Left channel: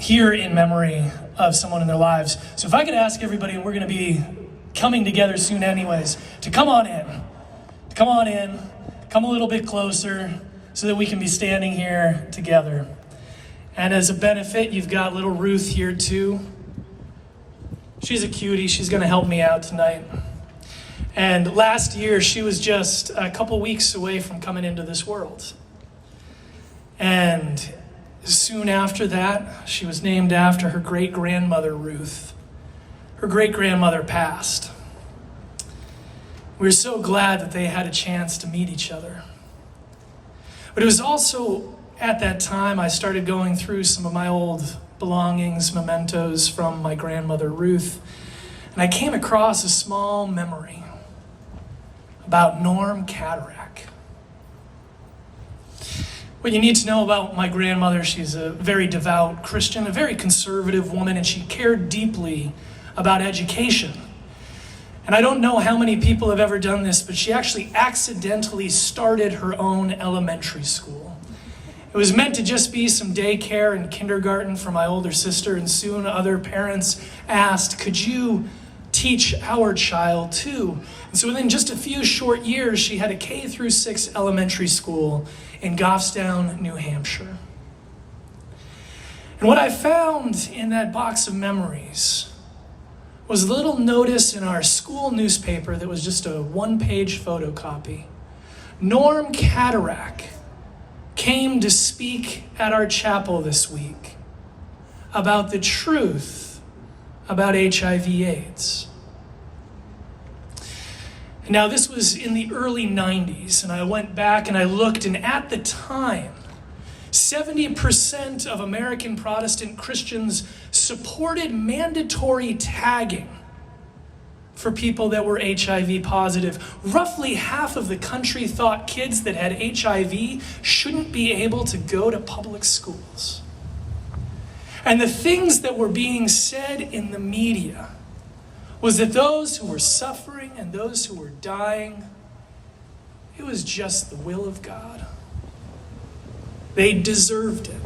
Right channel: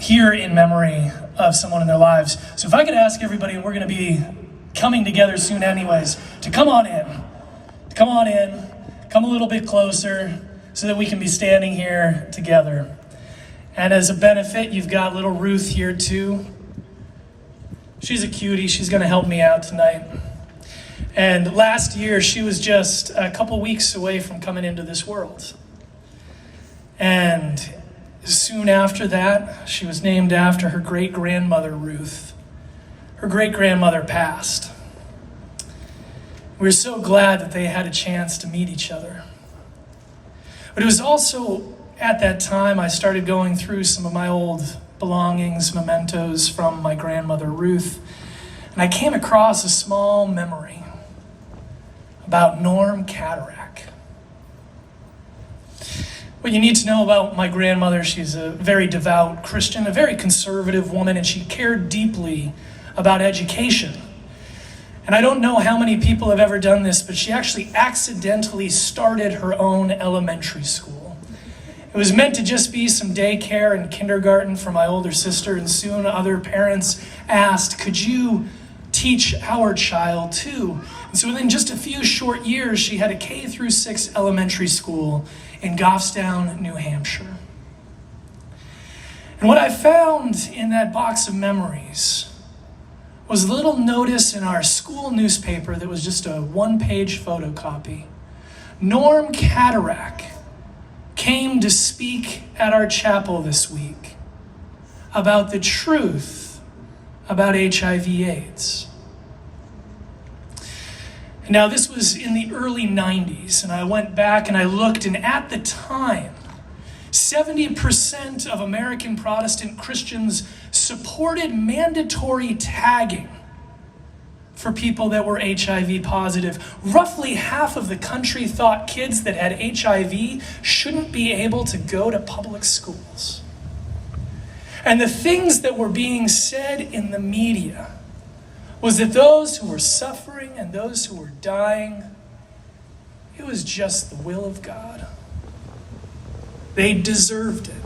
here in memory of someone in their lives. So if I could ask everybody, we're going to be coming together soon anyways, to come on in. Come on in, come a little bit closer so that we can be standing here together. And as a benefit, you've got little Ruth here too. She's a cutie, she's gonna help me out tonight. And last year, she was just a couple weeks away from coming into this world. And soon after that, she was named after her great-grandmother, Ruth. Her great-grandmother passed. We were so glad that they had a chance to meet each other. But it was also at that time I started going through some of my old belongings, mementos from my grandmother, Ruth, and I came across a small memory about Norm Cataract. What you need to know about my grandmother, she's a very devout Christian, a very conservative woman, and she cared deeply about education. And I don't know how many people have ever done this, but she actually accidentally started her own elementary school. It was meant to just be some daycare and kindergarten for my older sister, and soon other parents asked, could you teach our child too? And so within just a few short years, she had a K-6 elementary school in Goffstown, New Hampshire. And what I found in that box of memories was a little notice in our school newspaper that was just a one-page photocopy. Norm Cataract came to speak at our chapel this week about the truth about HIV/AIDS. Now, this was in the early 90s, and I went back and I looked, and at the time, 70% of American Protestant Christians supported mandatory tagging for people that were HIV positive. Roughly half of the country thought kids that had HIV shouldn't be able to go to public schools. And the things that were being said in the media was that those who were suffering and those who were dying, it was just the will of God. They deserved it.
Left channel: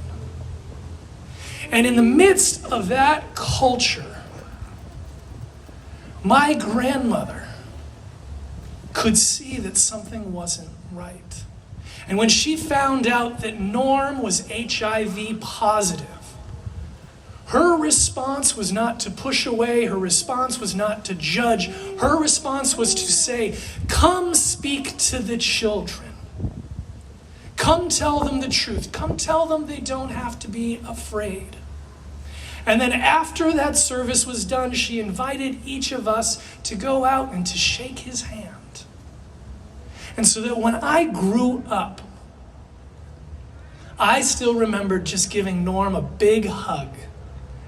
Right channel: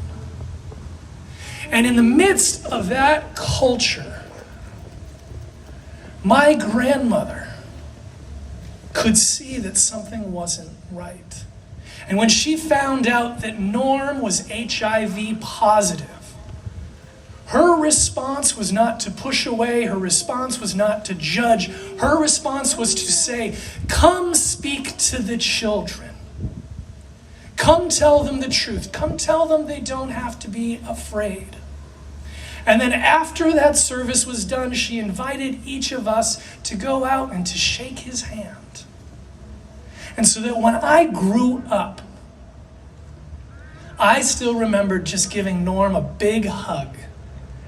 And in the midst of that culture, my grandmother could see that something wasn't right. And when she found out that Norm was HIV positive, her response was not to push away, her response was not to judge, her response was to say, come speak to the children. Come tell them the truth. Come tell them they don't have to be afraid. And then after that service was done, she invited each of us to go out and to shake his hand. And so that when I grew up, I still remember just giving Norm a big hug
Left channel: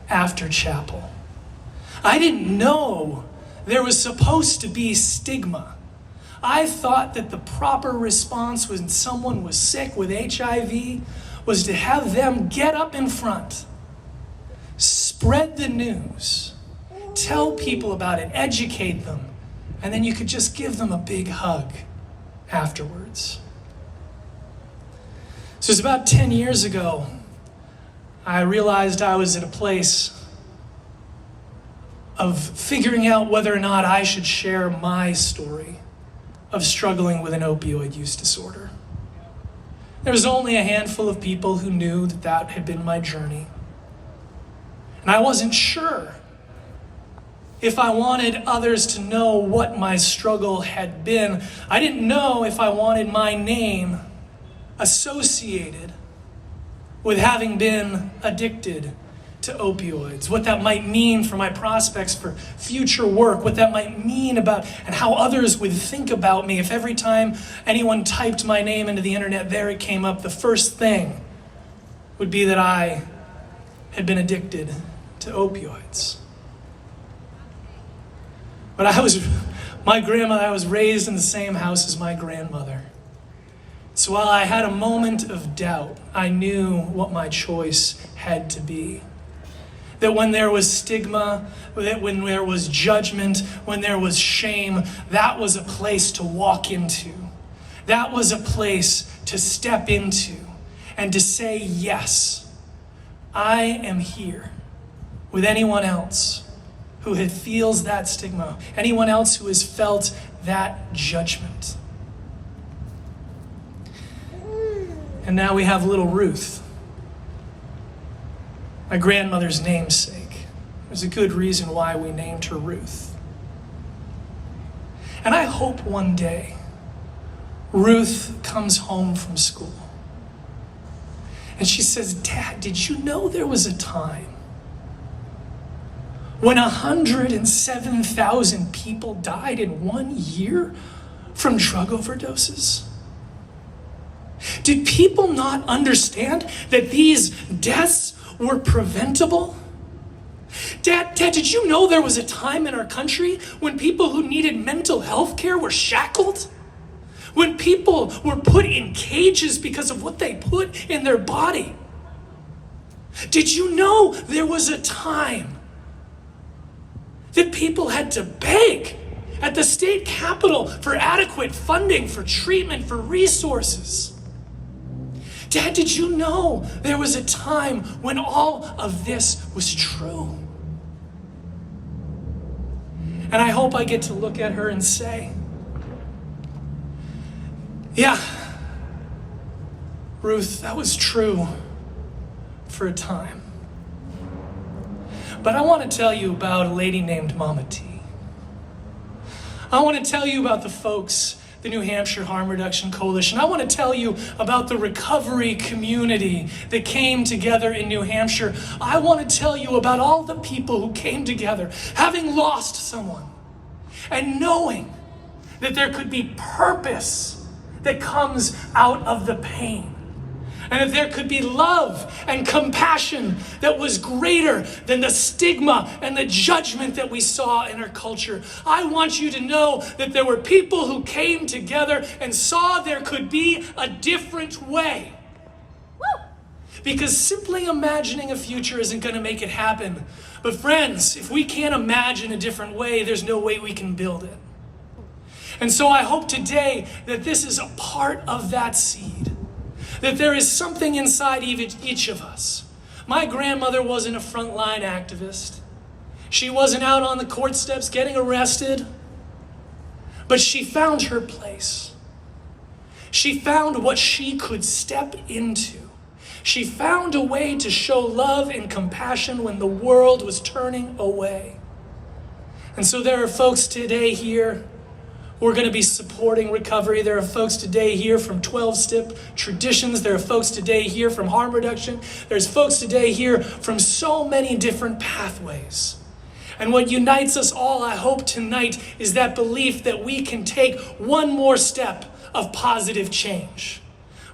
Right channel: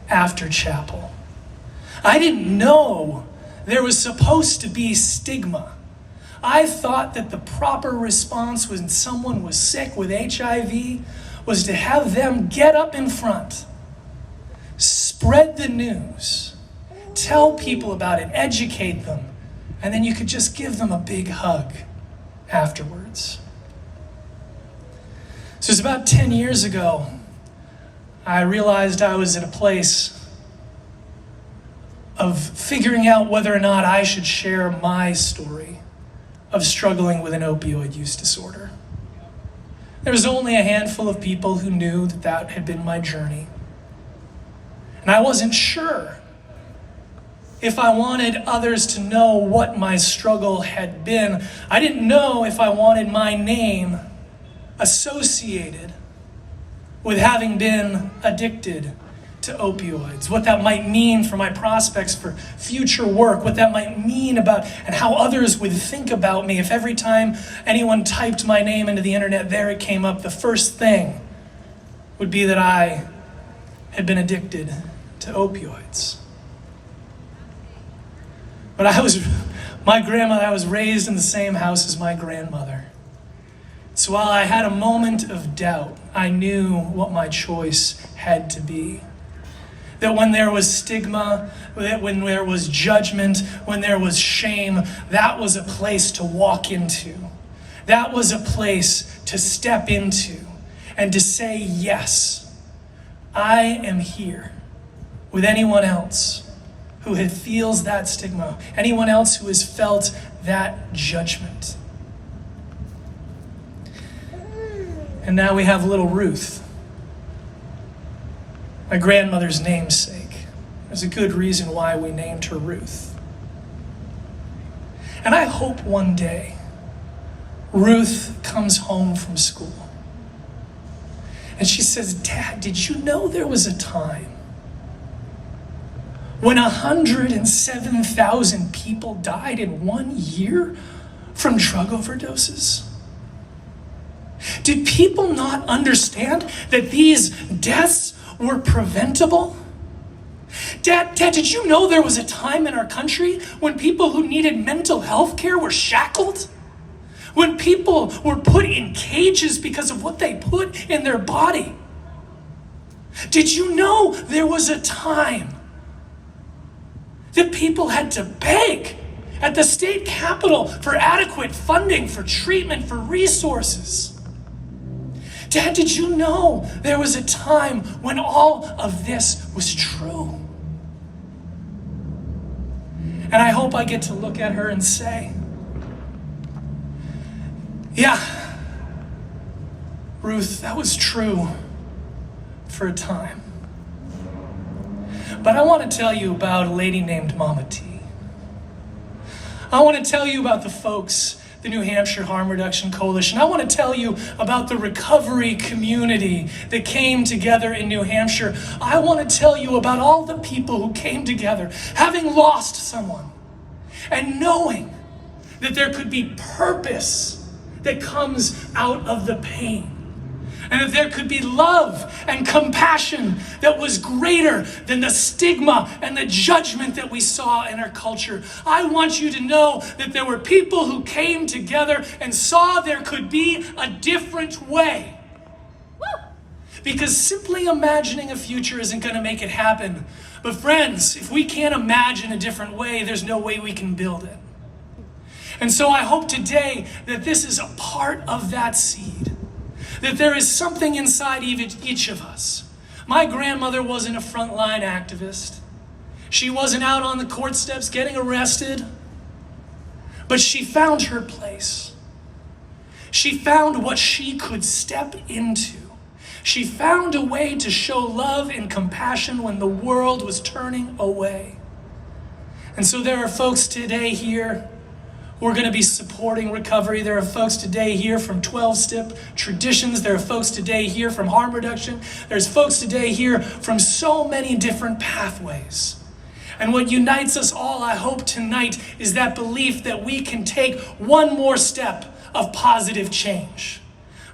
after chapel. I didn't know there was supposed to be stigma. I thought that the proper response when someone was sick with HIV was to have them get up in front, spread the news, tell people about it, educate them, and then you could just give them a big hug afterwards. So it's about 10 years ago, I realized I was at a place of figuring out whether or not I should share my story of struggling with an opioid use disorder. There was only a handful of people who knew that that had been my journey. And I wasn't sure if I wanted others to know what my struggle had been. I didn't know if I wanted my name associated with having been addicted to opioids, what that might mean for my prospects for future work, what that might mean about and how others would think about me if every time anyone typed my name into the internet, there it came up. The first thing would be that I had been addicted to opioids. But I was raised in the same house as my grandmother. So while I had a moment of doubt, I knew what my choice had to be. That when there was stigma, that when there was judgment, when there was shame, that was a place to walk into. That was a place to step into and to say, yes, I am here with anyone else who feels that stigma, anyone else who has felt that judgment. And now we have little Ruth, my grandmother's namesake. There's a good reason why we named her Ruth. And I hope one day Ruth comes home from school and she says, "Dad, did you know there was a time when 107,000 people died in 1 year from drug overdoses? Did people not understand that these deaths were preventable? Dad, did you know there was a time in our country when people who needed mental health care were shackled? When people were put in cages because of what they put in their body? Did you know there was a time that people had to beg at the state capitol for adequate funding, for treatment, for resources? Dad, did you know there was a time when all of this was true?" And I hope I get to look at her and say, "Yeah, Ruth, that was true for a time." But I want to tell you about a lady named Mama T. I want to tell you about the folks, the New Hampshire Harm Reduction Coalition. I want to tell you about the recovery community that came together in New Hampshire. I want to tell you about all the people who came together, having lost someone, and knowing that there could be purpose that comes out of the pain. And that there could be love and compassion that was greater than the stigma and the judgment that we saw in our culture. I want you to know that there were people who came together and saw there could be a different way. Because simply imagining a future isn't going to make it happen. But friends, if we can't imagine a different way, there's no way we can build it. And so I hope today that this is a part of that seed. That there is something inside each of us. My grandmother wasn't a frontline activist. She wasn't out on the court steps getting arrested. But she found her place. She found what she could step into. She found a way to show love and compassion when the world was turning away. And so there are folks today here who are going to be supporting recovery. There are folks today here from 12-step traditions. There are folks today here from harm reduction. There's folks today here from so many different pathways. And what unites us all, I hope tonight, is that belief that we can take one more step of positive change.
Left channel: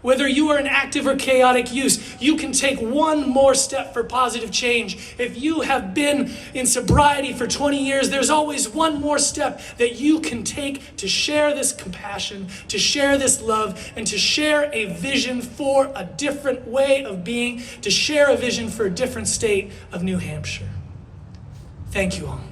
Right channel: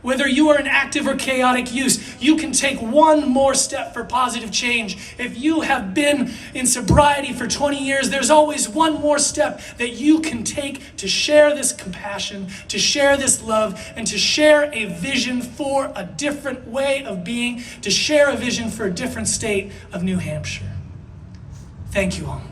Whether you are in active or chaotic use, you can take one more step for positive change. If you have been in sobriety for 20 years, there's always one more step that you can take to share this compassion, to share this love, and to share a vision for a different way of being, to share a vision for a different state of New Hampshire. Thank you all.